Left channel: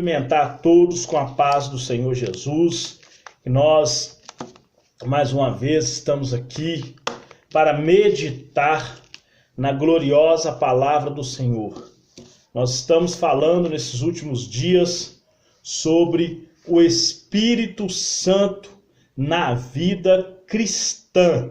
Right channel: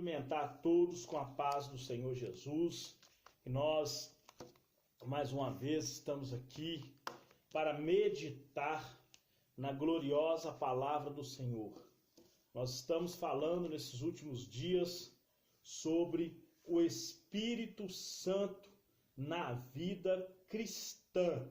Cumprimentar a todos com a paz do Senhor Jesus. E nós, mais uma vez, estamos aqui para meditar na gloriosa palavra do Senhor. Nós estamos falando nesses últimos dias sobre o Espírito Santo na vida cristã.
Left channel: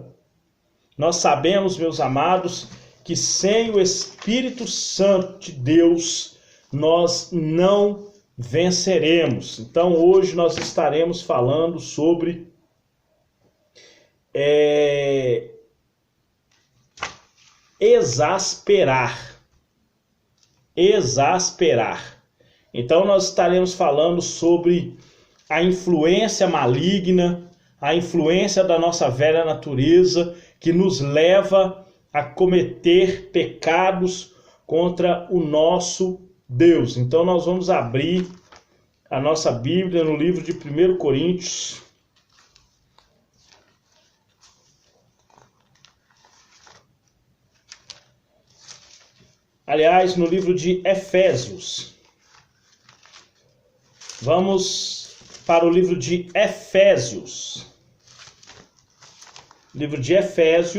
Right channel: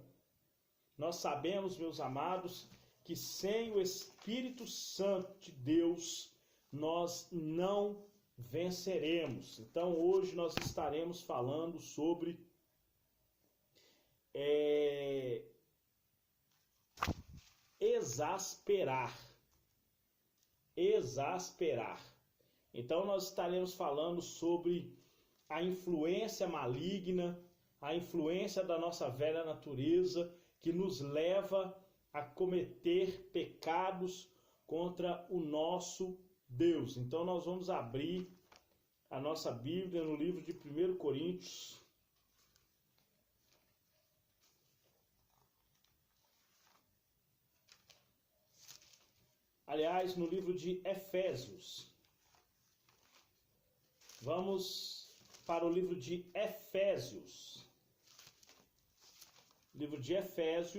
Nós sabemos, meus amados, que sem o Espírito Santo de Deus, nós não venceremos. Então, hoje nós estaremos falando sobre exasperar. Então, nós estaremos falando sobre a influência maligna, a influência da nossa velha natureza, que nos leva a cometer pecados contra o nosso Deus. Então nós vamos abrir a nossa Bíblia no livro de 1 Coríntios. Aliás, no livro de Efésios. Vamos para o livro de Efésios. Livro de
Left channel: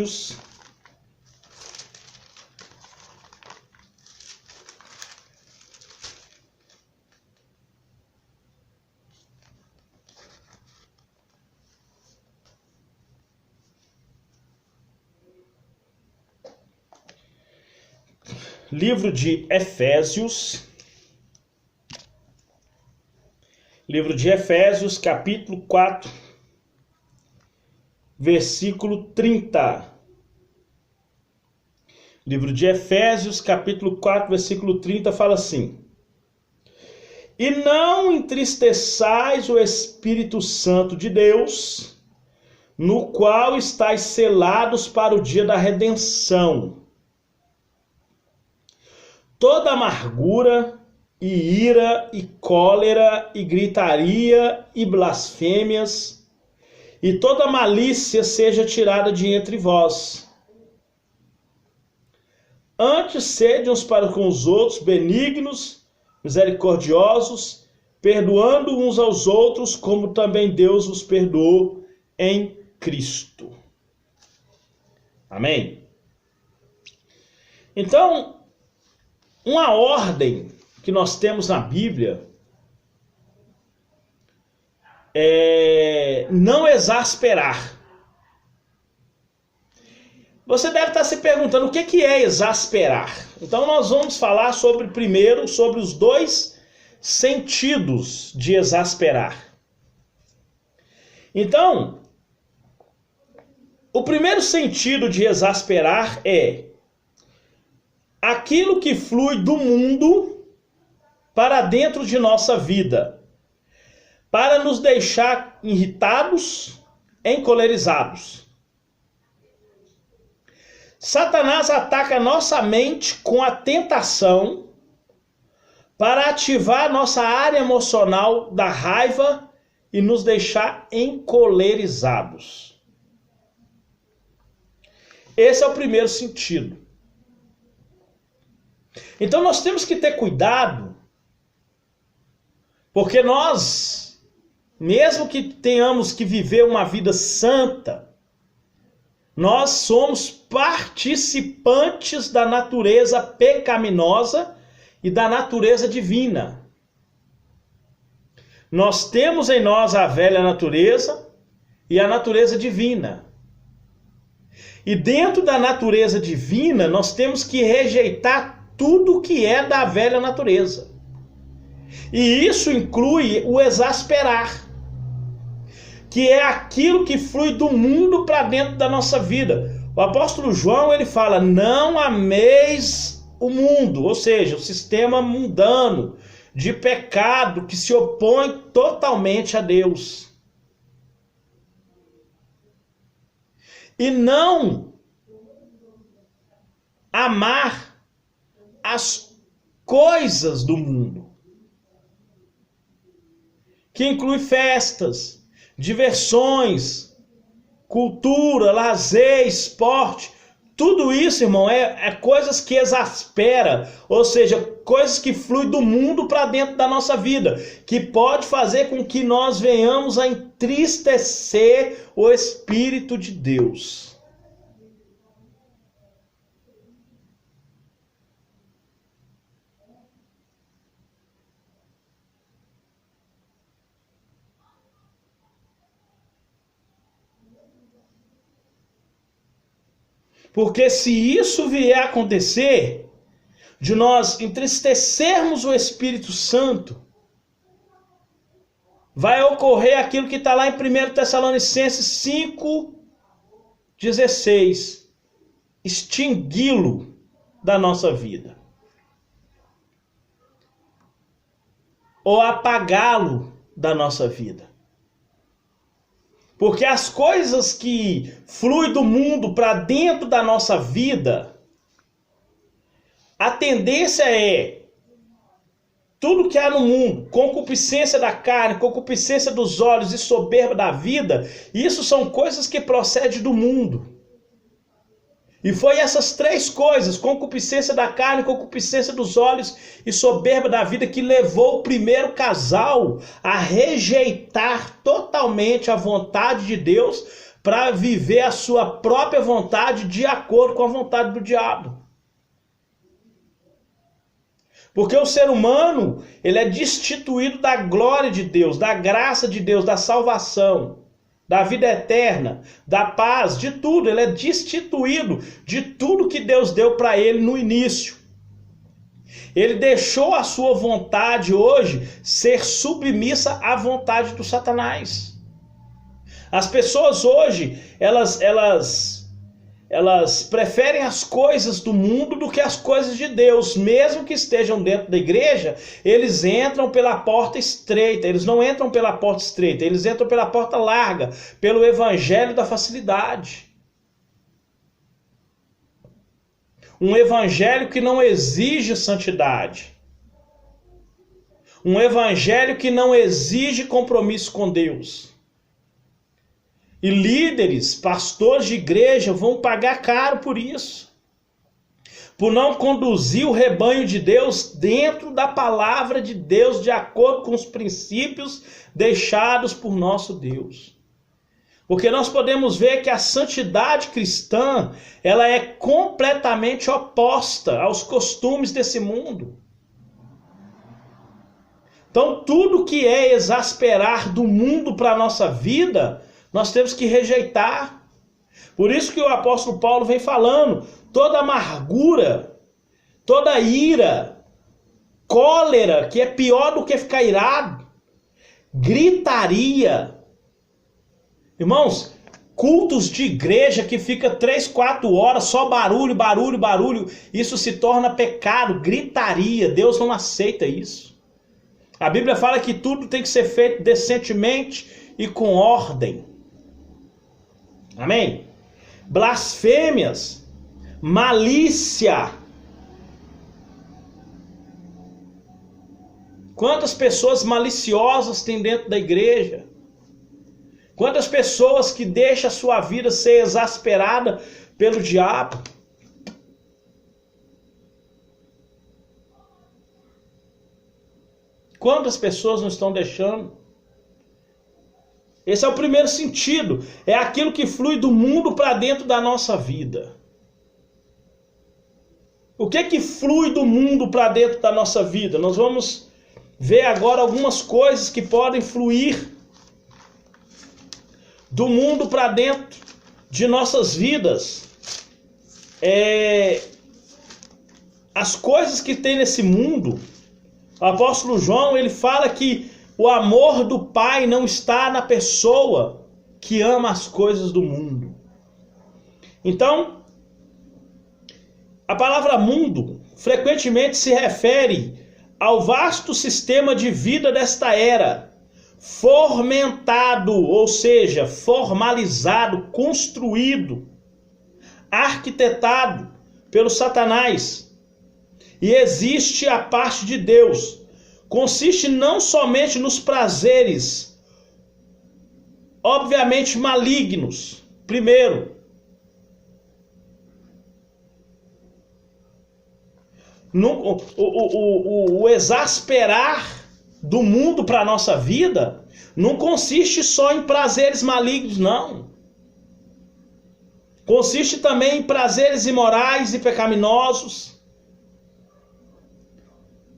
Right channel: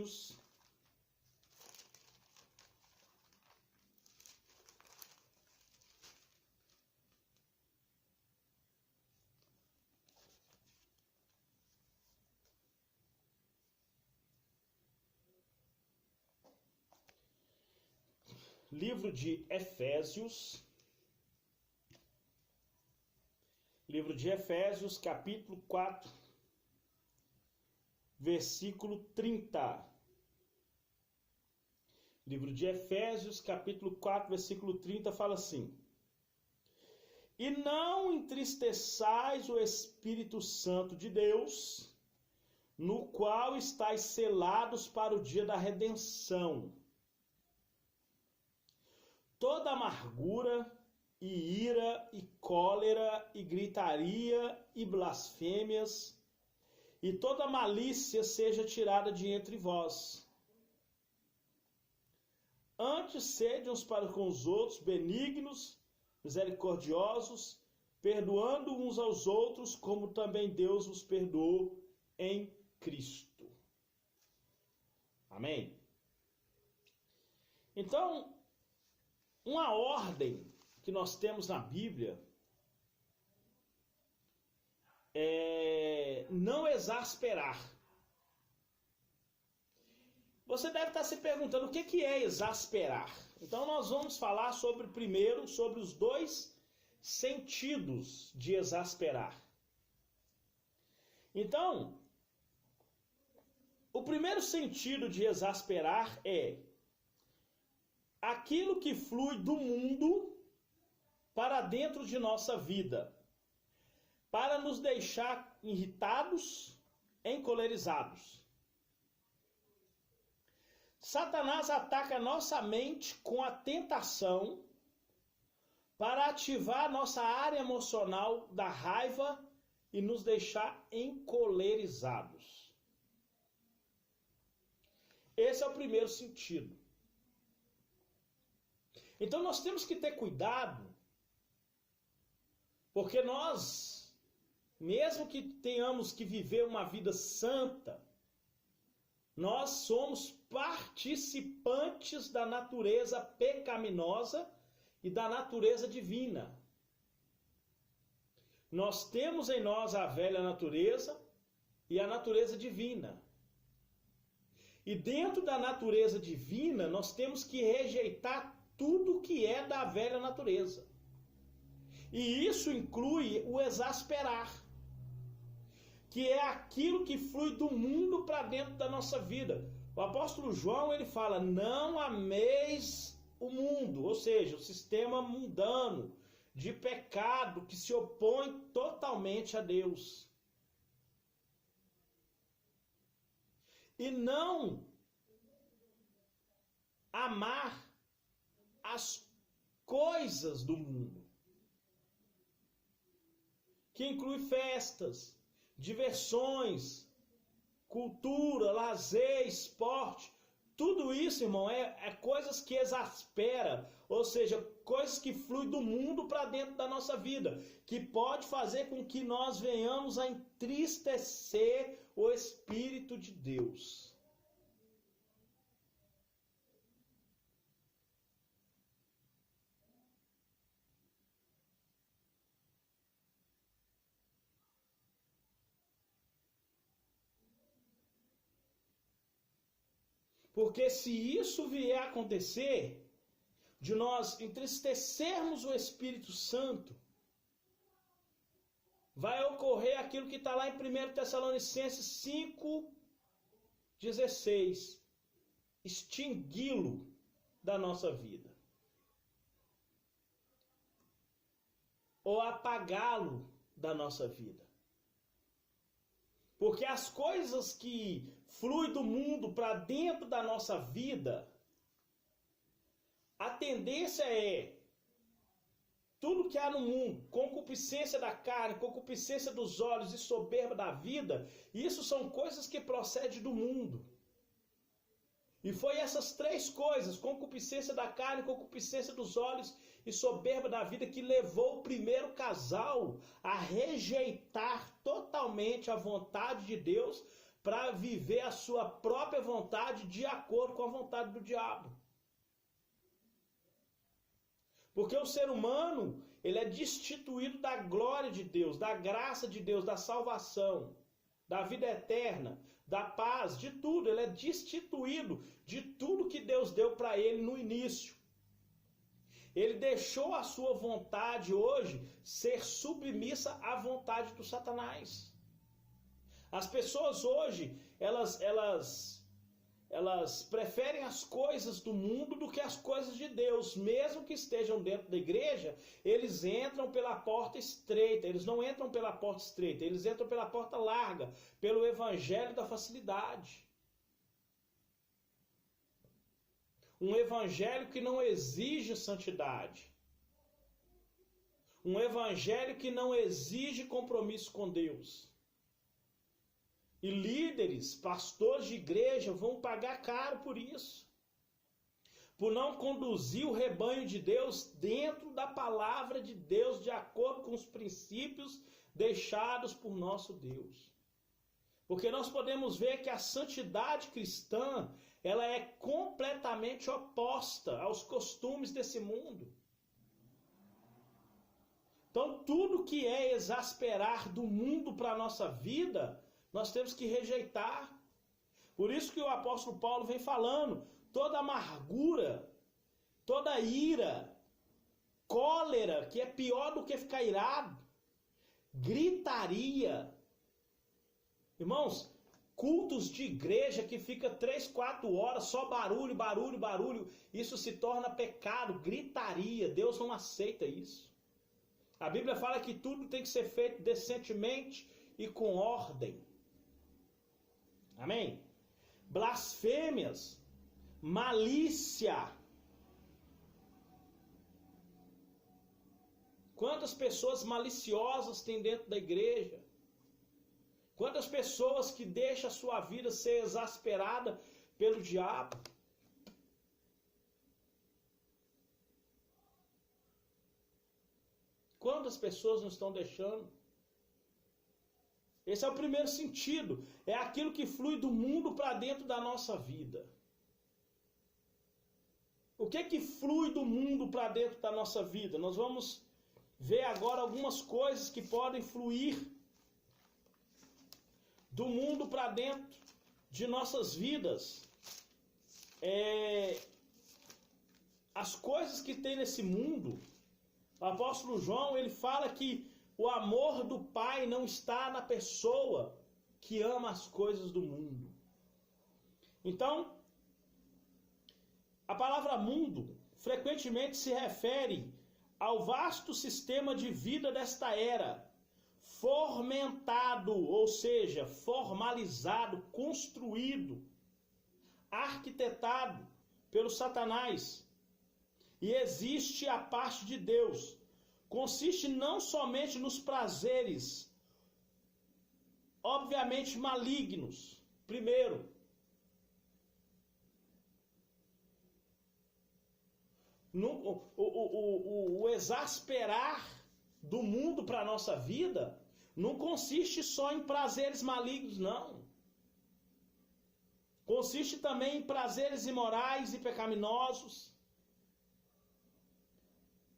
Efésios. Livro de Efésios, capítulo 4, versículo 30. Livro de Efésios, capítulo 4, versículo 30, fala assim: E não entristeçais o Espírito Santo de Deus, no qual estáis selados para o dia da redenção. Toda amargura, e ira, e cólera, e gritaria, e blasfêmias, e toda malícia seja tirada de entre vós. Antes sede uns para com os outros benignos, misericordiosos, perdoando uns aos outros, como também Deus os perdoou em Cristo. Amém? Então, uma ordem que nós temos na Bíblia é não exasperar. Você deve estar se perguntando o que é exasperar. Então nós vamos falar primeiro sobre os dois sentidos de exasperar. Então, o primeiro sentido de exasperar é aquilo que flui do mundo para dentro de nossa vida, para nos deixar irritados, encolerizados. Satanás ataca nossa mente com a tentação para ativar nossa área emocional da raiva e nos deixar encolerizados. Esse é o primeiro sentido. Então nós temos que ter cuidado, porque nós, mesmo que tenhamos que viver uma vida santa, nós somos participantes da natureza pecaminosa e da natureza divina. Nós temos em nós a velha natureza e a natureza divina. E dentro da natureza divina, nós temos que rejeitar tudo que é da velha natureza. E isso inclui o exasperar, que é aquilo que flui do mundo para dentro da nossa vida. O apóstolo João, ele fala: não ameis o mundo, ou seja, o sistema mundano de pecado que se opõe totalmente a Deus. E não amar as coisas do mundo, que inclui festas, diversões, cultura, lazer, esporte, Tudo isso, irmão, é coisas que exaspera, ou seja, coisas que fluem do mundo para dentro da nossa vida, que pode fazer com que nós venhamos a entristecer o Espírito de Deus. Porque se isso vier a acontecer, de nós entristecermos o Espírito Santo, vai ocorrer aquilo que está lá em 1 Tessalonicenses 5,16, extingui-lo da nossa vida, ou apagá-lo da nossa vida. Porque as coisas que fluem do mundo para dentro da nossa vida, a tendência é tudo que há no mundo, concupiscência da carne, concupiscência dos olhos e soberba da vida, isso são coisas que procedem do mundo. E foi essas três coisas, concupiscência da carne, concupiscência dos olhos e soberba da vida, que levou o primeiro casal a rejeitar totalmente a vontade de Deus para viver a sua própria vontade de acordo com a vontade do diabo. Porque o ser humano, ele é destituído da glória de Deus, da graça de Deus, da salvação, da vida eterna, da paz, de tudo. Ele é destituído de tudo que Deus deu para ele no início. Ele deixou a sua vontade hoje ser submissa à vontade do Satanás. As pessoas hoje, elas preferem as coisas do mundo do que as coisas de Deus. Mesmo que estejam dentro da igreja, eles entram pela porta estreita. Eles não entram pela porta estreita, eles entram pela porta larga, pelo evangelho da facilidade. Um evangelho que não exige santidade. Um evangelho que não exige compromisso com Deus. E líderes, pastores de igreja vão pagar caro por isso. Por não conduzir o rebanho de Deus dentro da palavra de Deus, de acordo com os princípios deixados por nosso Deus. Porque nós podemos ver que a santidade cristã, ela é completamente oposta aos costumes desse mundo. Então, tudo que é exasperar do mundo para a nossa vida, nós temos que rejeitar. Por isso que o apóstolo Paulo vem falando, toda amargura, toda ira, cólera, que é pior do que ficar irado, gritaria. Irmãos, cultos de igreja que fica 3, 4 horas, só barulho, barulho, barulho, isso se torna pecado, gritaria. Deus não aceita isso. A Bíblia fala que tudo tem que ser feito decentemente e com ordem. Amém? Blasfêmias, malícia. Quantas pessoas maliciosas tem dentro da igreja? Quantas pessoas que deixam a sua vida ser exasperada pelo diabo? Quantas pessoas não estão deixando? Esse é o primeiro sentido. É aquilo que flui do mundo para dentro da nossa vida. O que flui do mundo para dentro da nossa vida? Nós vamos ver agora algumas coisas que podem fluir do mundo para dentro de nossas vidas. As coisas que tem nesse mundo, o apóstolo João, ele fala que o amor do Pai não está na pessoa que ama as coisas do mundo. Então, a palavra mundo frequentemente se refere ao vasto sistema de vida desta era, fomentado, ou seja, formalizado, construído, arquitetado pelo Satanás. E existe a parte de Deus. Consiste não somente nos prazeres, obviamente malignos, primeiro, O exasperar do mundo para a nossa vida não consiste só em prazeres malignos, não. Consiste também em prazeres imorais e pecaminosos.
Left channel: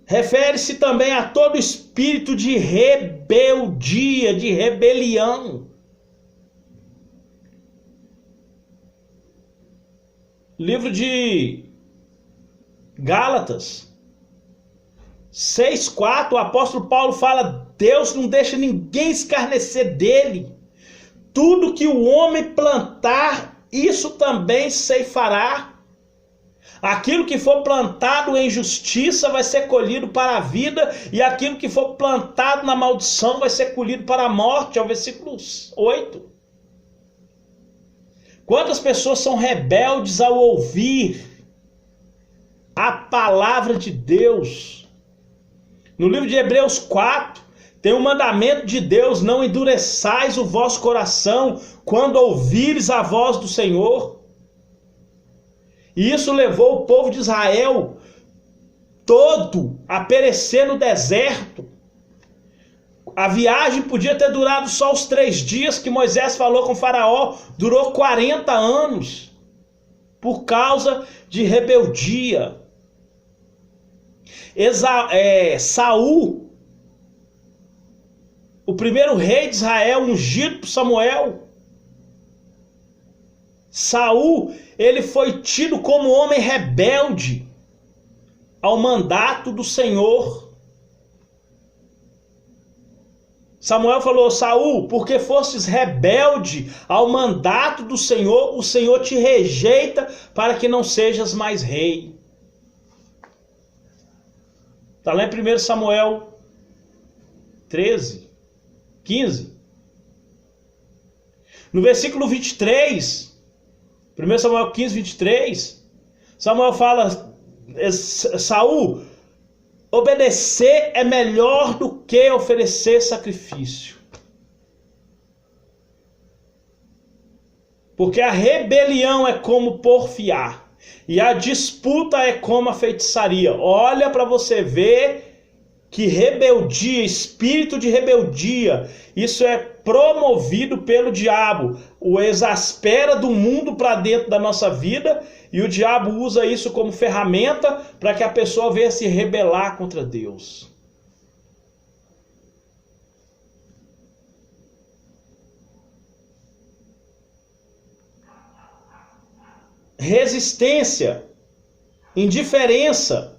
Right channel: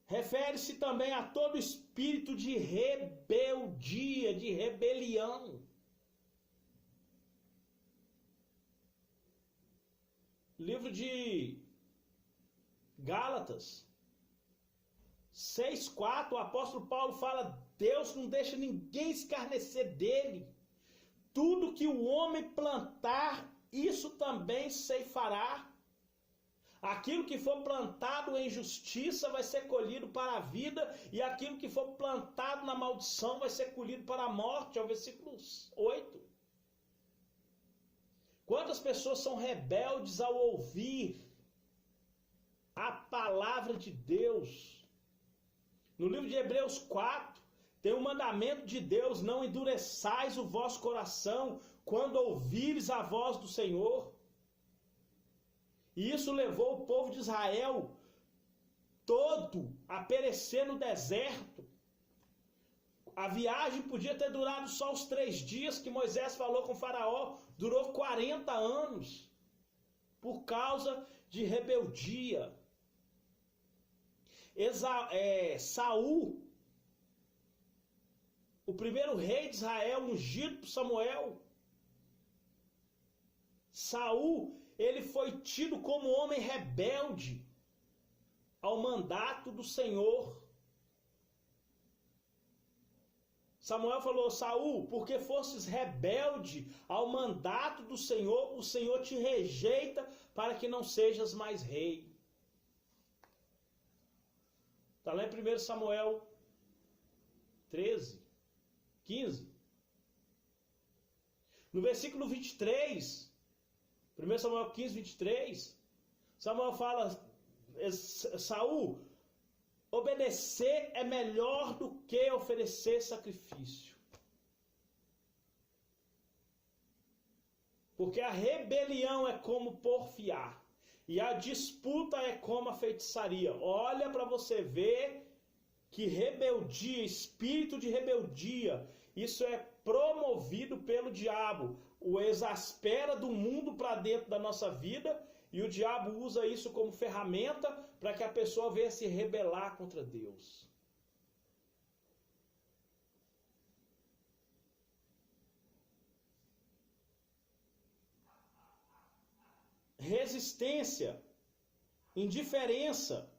Refere-se também a todo espírito de rebeldia, de rebelião. Livro de Gálatas 6:4, o apóstolo Paulo fala: Deus não deixa ninguém escarnecer dele. Tudo que o homem plantar, isso também ceifará. Aquilo que for plantado em justiça vai ser colhido para a vida, e aquilo que for plantado na maldição vai ser colhido para a morte. É o versículo 8. Quantas pessoas são rebeldes ao ouvir a palavra de Deus? No livro de Hebreus 4, tem um mandamento de Deus: não endureçais o vosso coração quando ouvires a voz do Senhor. E isso levou o povo de Israel todo a perecer no deserto. A viagem podia ter durado só os 3 dias que Moisés falou com Faraó, durou 40 anos, por causa de rebeldia. Saul, o primeiro rei de Israel, ungido por Samuel, Saul, ele foi tido como homem rebelde ao mandato do Senhor. Samuel falou: Saul, porque fostes rebelde ao mandato do Senhor, o Senhor te rejeita para que não sejas mais rei. Está lá em 1 Samuel 13, 15. No versículo 23, 1 Samuel 15, 23, Samuel fala: Saul, obedecer é melhor do que oferecer sacrifício. Porque a rebelião é como porfiar, e a disputa é como a feitiçaria. Olha para você ver que rebeldia, espírito de rebeldia, isso é promovido pelo diabo. O exaspera do mundo para dentro da nossa vida, e o diabo usa isso como ferramenta para que a pessoa venha se rebelar contra Deus. Resistência, indiferença.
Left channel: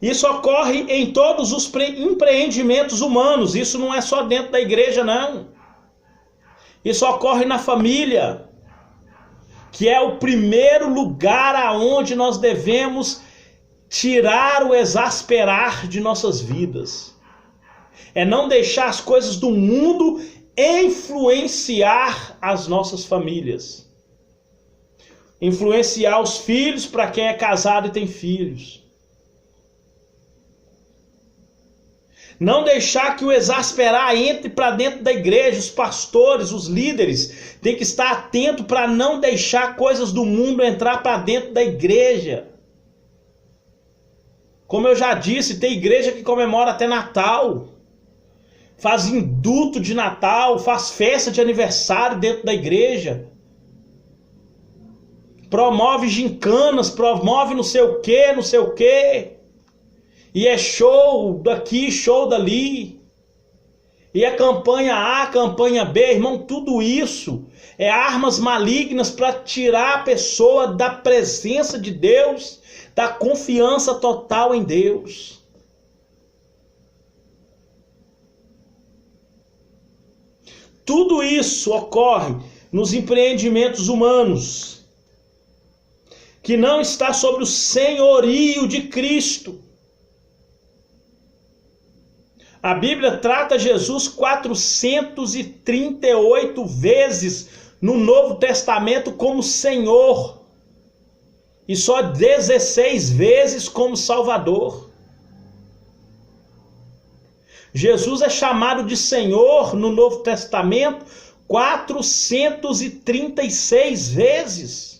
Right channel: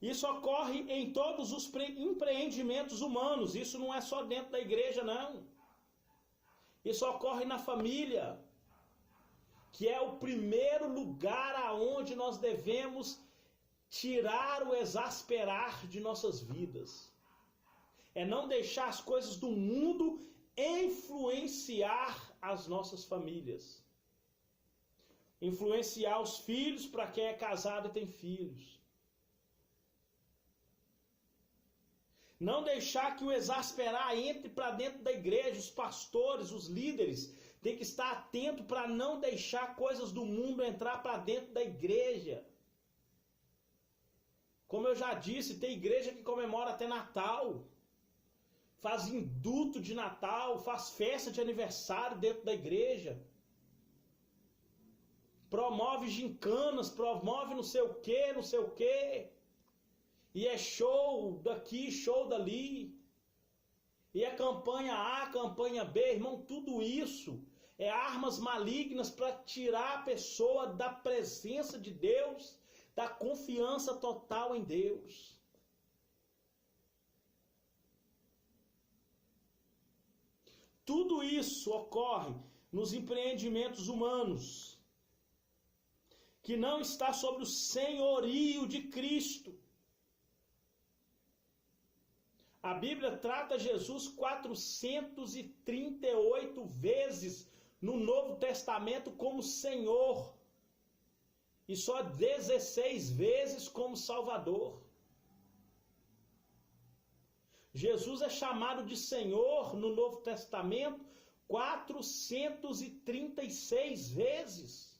Isso ocorre em todos os empreendimentos humanos. Isso não é só dentro da igreja, não. Isso ocorre na família, que é o primeiro lugar aonde nós devemos tirar o exasperar de nossas vidas. É não deixar as coisas do mundo influenciar as nossas famílias. Influenciar os filhos, para quem é casado e tem filhos. Não deixar que o exasperar entre para dentro da igreja. Os pastores, os líderes, têm que estar atentos para não deixar coisas do mundo entrar para dentro da igreja. Como eu já disse, tem igreja que comemora até Natal. Faz induto de Natal, faz festa de aniversário dentro da igreja. Promove gincanas, promove não sei o que, não sei o que. E é show daqui, show dali. E é campanha A, campanha B. Irmão, tudo isso é armas malignas para tirar a pessoa da presença de Deus, da confiança total em Deus. Tudo isso ocorre nos empreendimentos humanos, que não está sobre o senhorio de Cristo. A Bíblia trata Jesus 438 vezes no Novo Testamento como Senhor, e só 16 vezes como Salvador. Jesus é chamado de Senhor no Novo Testamento 436 vezes.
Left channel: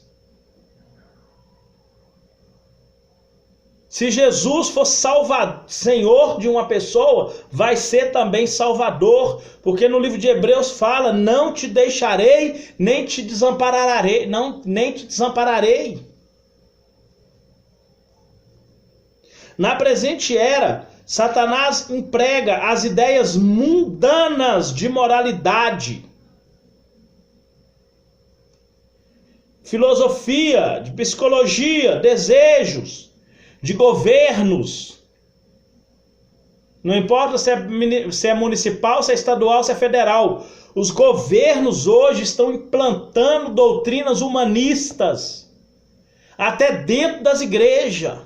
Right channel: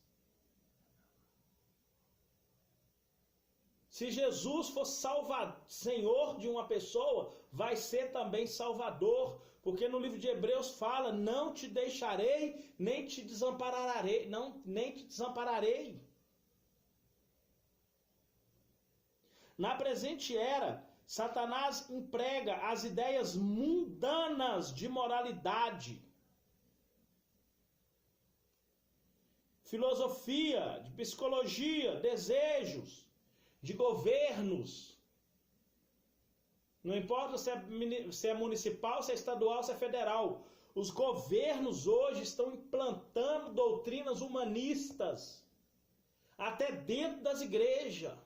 Se Jesus for Senhor de uma pessoa, vai ser também Salvador, porque no livro de Hebreus fala: não te deixarei, nem te desampararei, nem te desampararei. Na presente era, Satanás emprega as ideias mundanas de moralidade, filosofia, de psicologia, desejos, de governos. Não importa se é municipal, se é estadual, se é federal. Os governos hoje estão implantando doutrinas humanistas, até dentro das igrejas.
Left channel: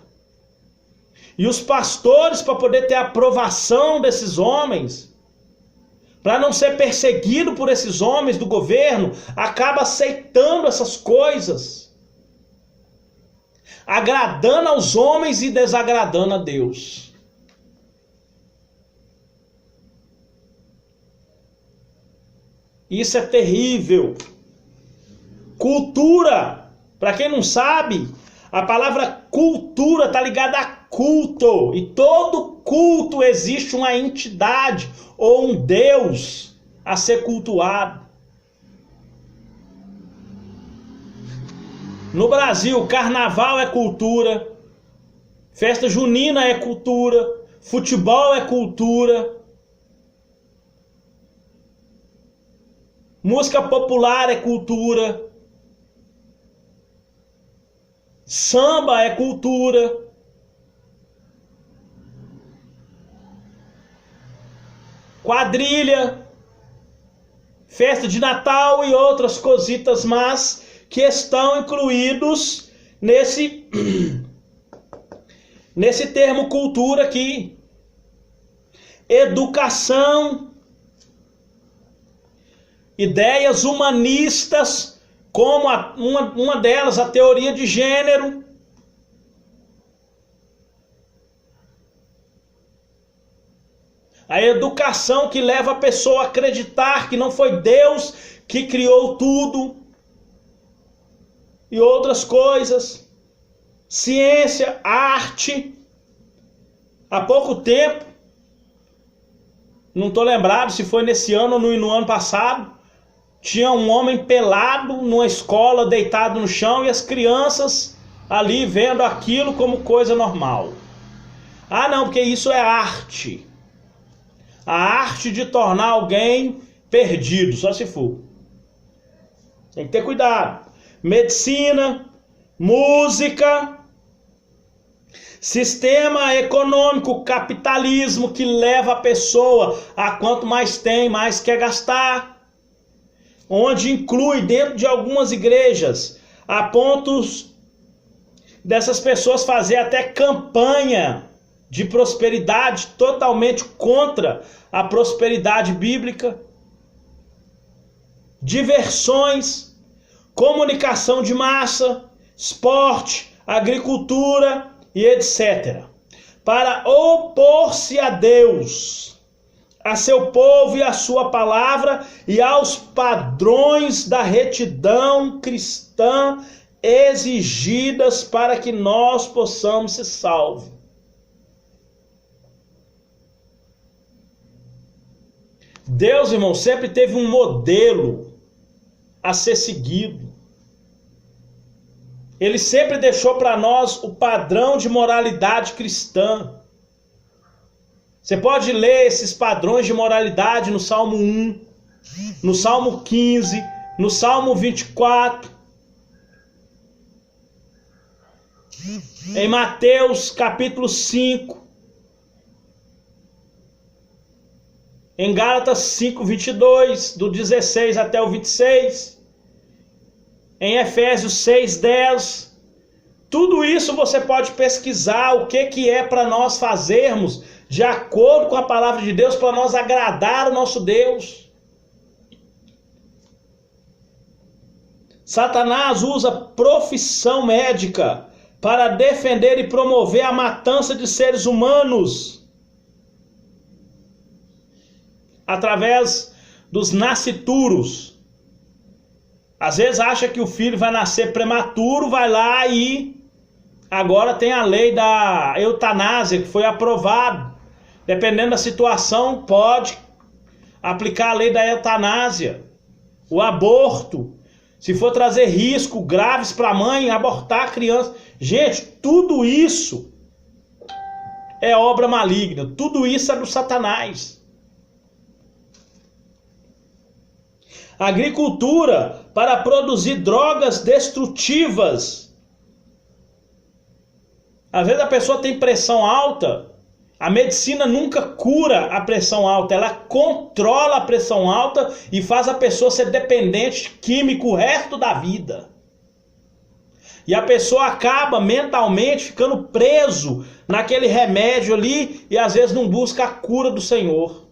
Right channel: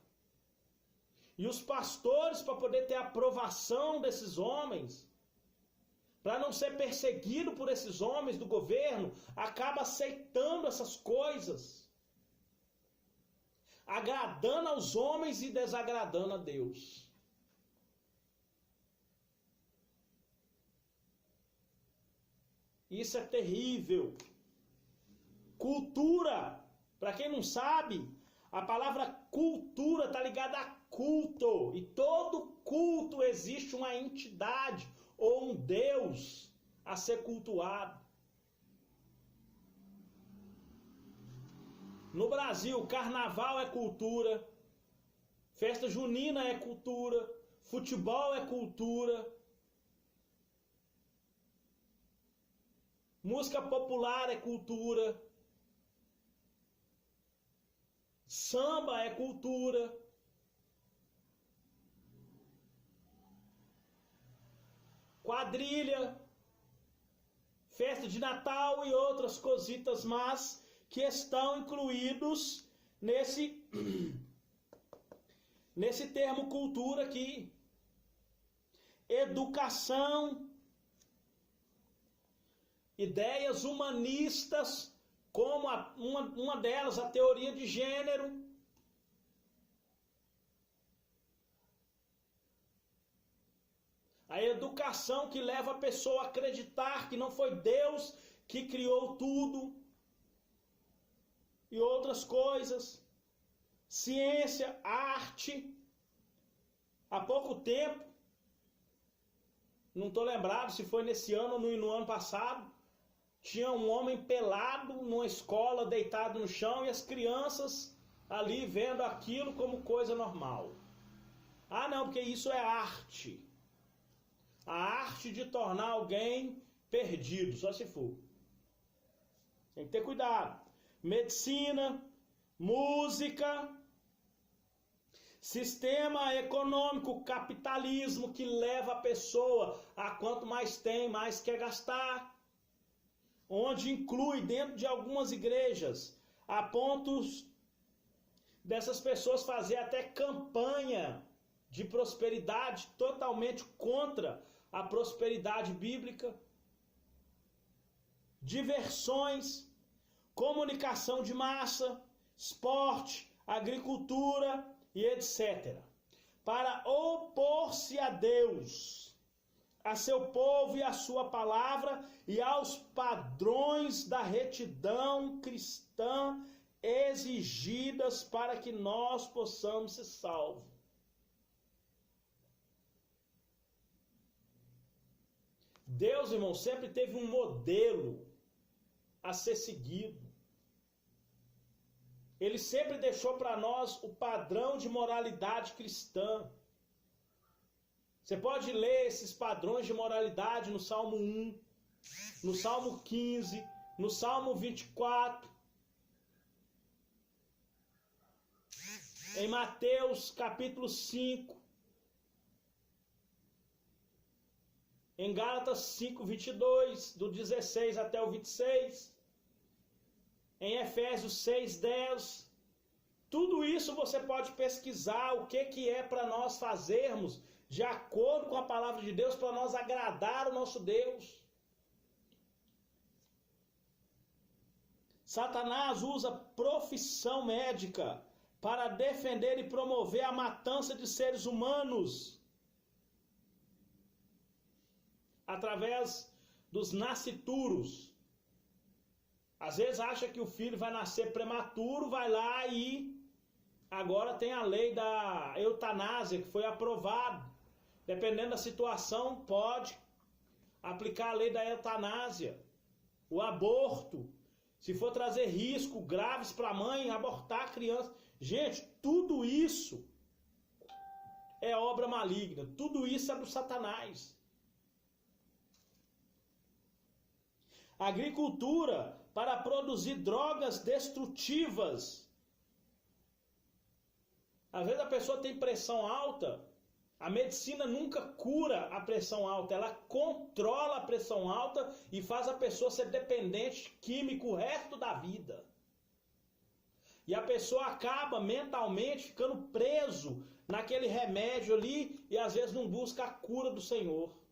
E os pastores, para poder ter a aprovação desses homens, para não ser perseguido por esses homens do governo, acaba aceitando essas coisas, agradando aos homens e desagradando a Deus. Isso é terrível. Cultura, para quem não sabe, a palavra cultura está ligada a culto, e todo culto existe uma entidade ou um Deus a ser cultuado. No Brasil, carnaval é cultura, festa junina é cultura, futebol é cultura, música popular é cultura, samba é cultura. Quadrilha, festa de Natal e outras cositas más que estão incluídos nesse termo cultura aqui. Educação, ideias humanistas, como uma delas, a teoria de gênero. A educação que leva a pessoa a acreditar que não foi Deus que criou tudo. E outras coisas. Ciência, arte. Há pouco tempo, não estou lembrado se foi nesse ano ou no ano passado, tinha um homem pelado numa escola, deitado no chão, e as crianças ali vendo aquilo como coisa normal. Ah não, porque isso é arte. A arte de tornar alguém perdido, só se for. Tem que ter cuidado. Medicina, música, sistema econômico, capitalismo, que leva a pessoa a quanto mais tem, mais quer gastar. Onde inclui dentro de algumas igrejas, a pontos dessas pessoas fazer até campanha de prosperidade, totalmente contra a prosperidade bíblica. Diversões, comunicação de massa, esporte, agricultura e etc. Para opor-se a Deus, a seu povo e a sua palavra e aos padrões da retidão cristã exigidas para que nós possamos ser salvos. Deus, irmão, sempre teve um modelo a ser seguido. Ele sempre deixou para nós o padrão de moralidade cristã. Você pode ler esses padrões de moralidade no Salmo 1, no Salmo 15, no Salmo 24, em Mateus capítulo 5, em Gálatas 5, 22, do 16 até o 26, em Efésios 6, 10. Tudo isso você pode pesquisar o que é para nós fazermos de acordo com a palavra de Deus, para nós agradar o nosso Deus. Satanás usa profissão médica para defender e promover a matança de seres humanos através dos nascituros. Às vezes acha que o filho vai nascer prematuro, vai lá e Agora tem a lei da eutanásia, que foi aprovado. Dependendo da situação, pode aplicar a lei da eutanásia. O aborto, se for trazer risco graves para a mãe, abortar a criança. Gente, tudo isso é obra maligna. Tudo isso é do Satanás. Agricultura para produzir drogas destrutivas. Às vezes a pessoa tem pressão alta, a medicina nunca cura a pressão alta, ela controla a pressão alta e faz a pessoa ser dependente químico o resto da vida. E a pessoa acaba mentalmente ficando preso naquele remédio ali e às vezes não busca a cura do Senhor.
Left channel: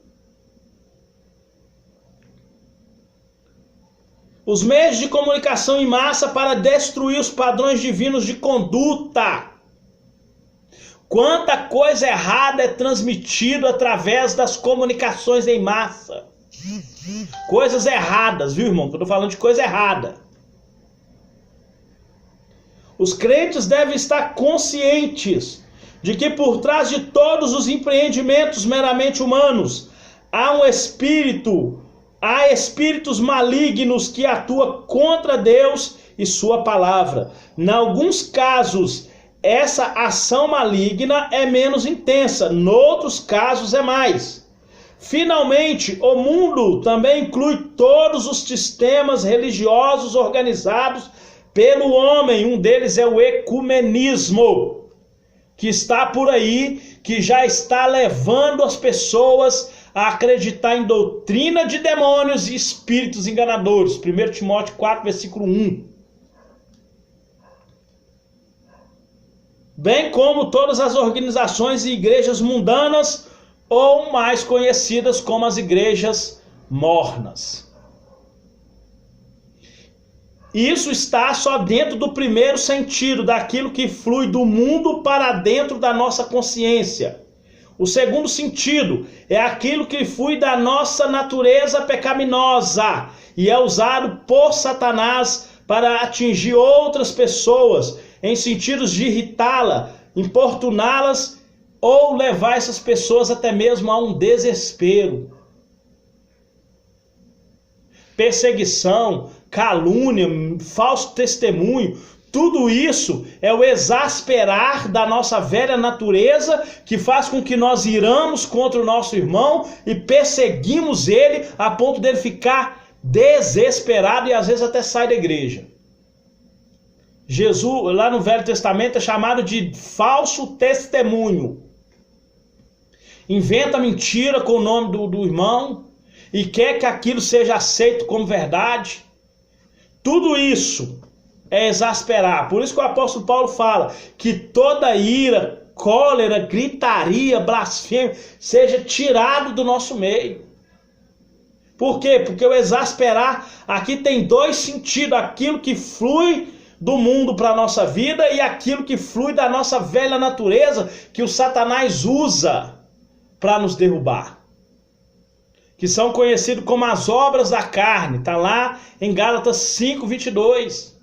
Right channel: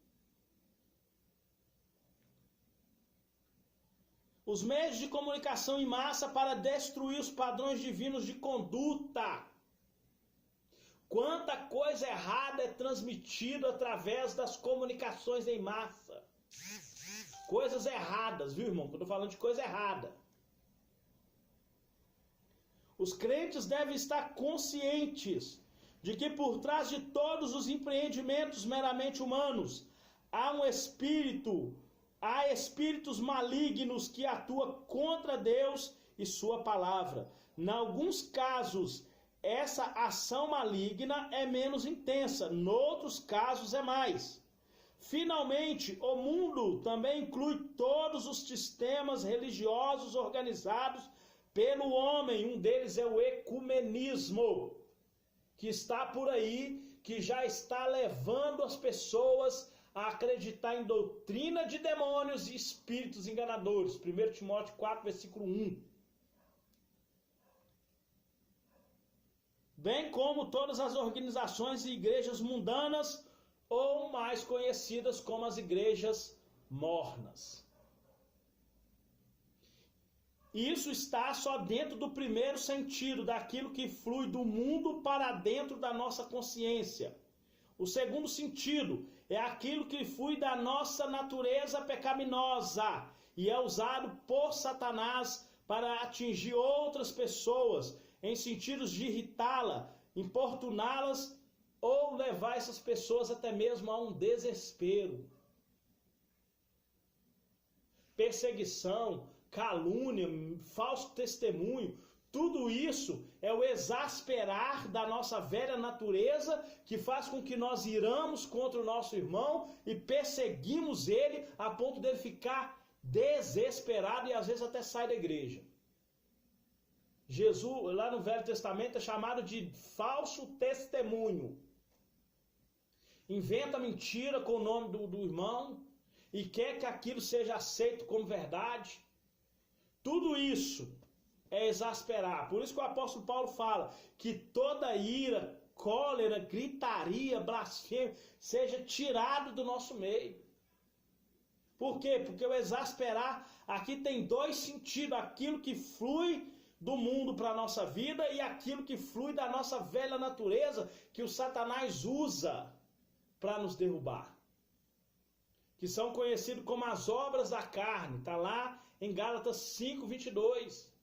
Os meios de comunicação em massa para destruir os padrões divinos de conduta. Quanta coisa errada é transmitida através das comunicações em massa. Coisas erradas, viu, irmão? Eu estou falando de coisa errada. Os crentes devem estar conscientes de que por trás de todos os empreendimentos meramente humanos há espíritos malignos que atuam contra Deus e sua palavra. Em alguns casos, essa ação maligna é menos intensa, em outros casos é mais. Finalmente, o mundo também inclui todos os sistemas religiosos organizados pelo homem. Um deles é o ecumenismo, que está por aí, que já está levando as pessoas a acreditar em doutrina de demônios e espíritos enganadores. 1 Timóteo 4, versículo 1. Bem como todas as organizações e igrejas mundanas, ou mais conhecidas como as igrejas mornas. Isso está só dentro do primeiro sentido, daquilo que flui do mundo para dentro da nossa consciência. O segundo sentido é aquilo que flui da nossa natureza pecaminosa e é usado por Satanás para atingir outras pessoas em sentidos de irritá-la, importuná-las ou levar essas pessoas até mesmo a um desespero. Perseguição, calúnia, falso testemunho, tudo isso é o exasperar da nossa velha natureza que faz com que nós iramos contra o nosso irmão e perseguimos ele a ponto dele ficar desesperado e às vezes até sai da igreja. Jesus, lá no Velho Testamento, é chamado de falso testemunho. Inventa mentira com o nome do irmão e quer que aquilo seja aceito como verdade. Tudo isso é exasperar. Por isso que o apóstolo Paulo fala que toda ira, cólera, gritaria, blasfêmia seja tirado do nosso meio. Por quê? Porque o exasperar aqui tem dois sentidos: aquilo que flui do mundo para a nossa vida e aquilo que flui da nossa velha natureza que o Satanás usa para nos derrubar, que são conhecidos como as obras da carne. Está lá em Gálatas 5, 22.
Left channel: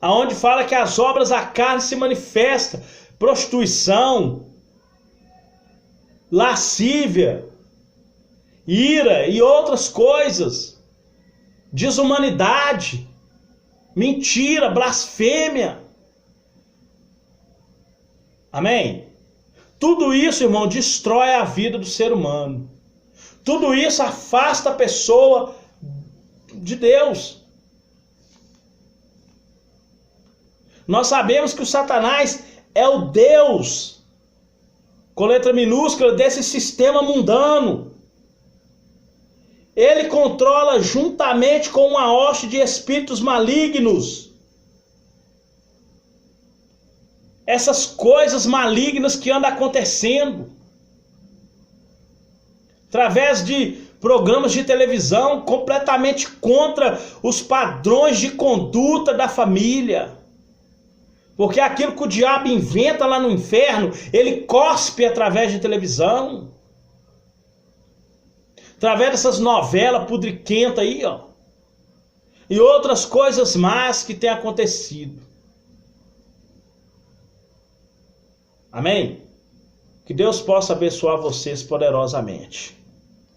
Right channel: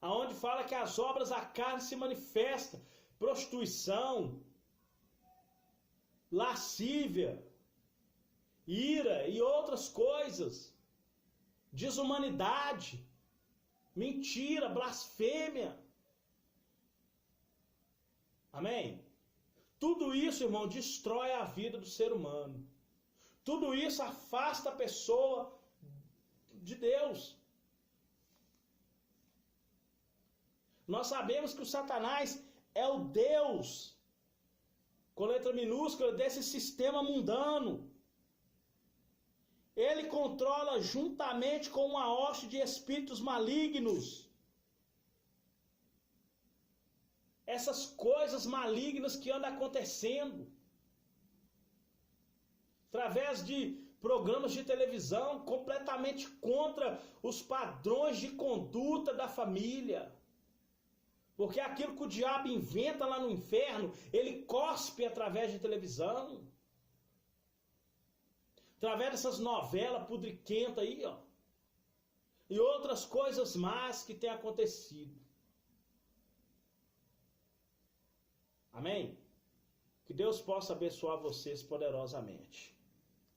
Aonde fala que as obras da carne se manifestam: prostituição, lascívia, ira e outras coisas, desumanidade, mentira, blasfêmia. Amém? Tudo isso, irmão, destrói a vida do ser humano. Tudo isso afasta a pessoa de Deus. Nós sabemos que o Satanás é o Deus, com letra minúscula, desse sistema mundano. Ele controla juntamente com uma hoste de espíritos malignos essas coisas malignas que andam acontecendo através de programas de televisão completamente contra os padrões de conduta da família. Porque aquilo que o diabo inventa lá no inferno, ele cospe através de televisão. através dessas novelas pudriquentas aí, ó, e outras coisas más que tem acontecido. Amém? Que Deus possa abençoar vocês poderosamente.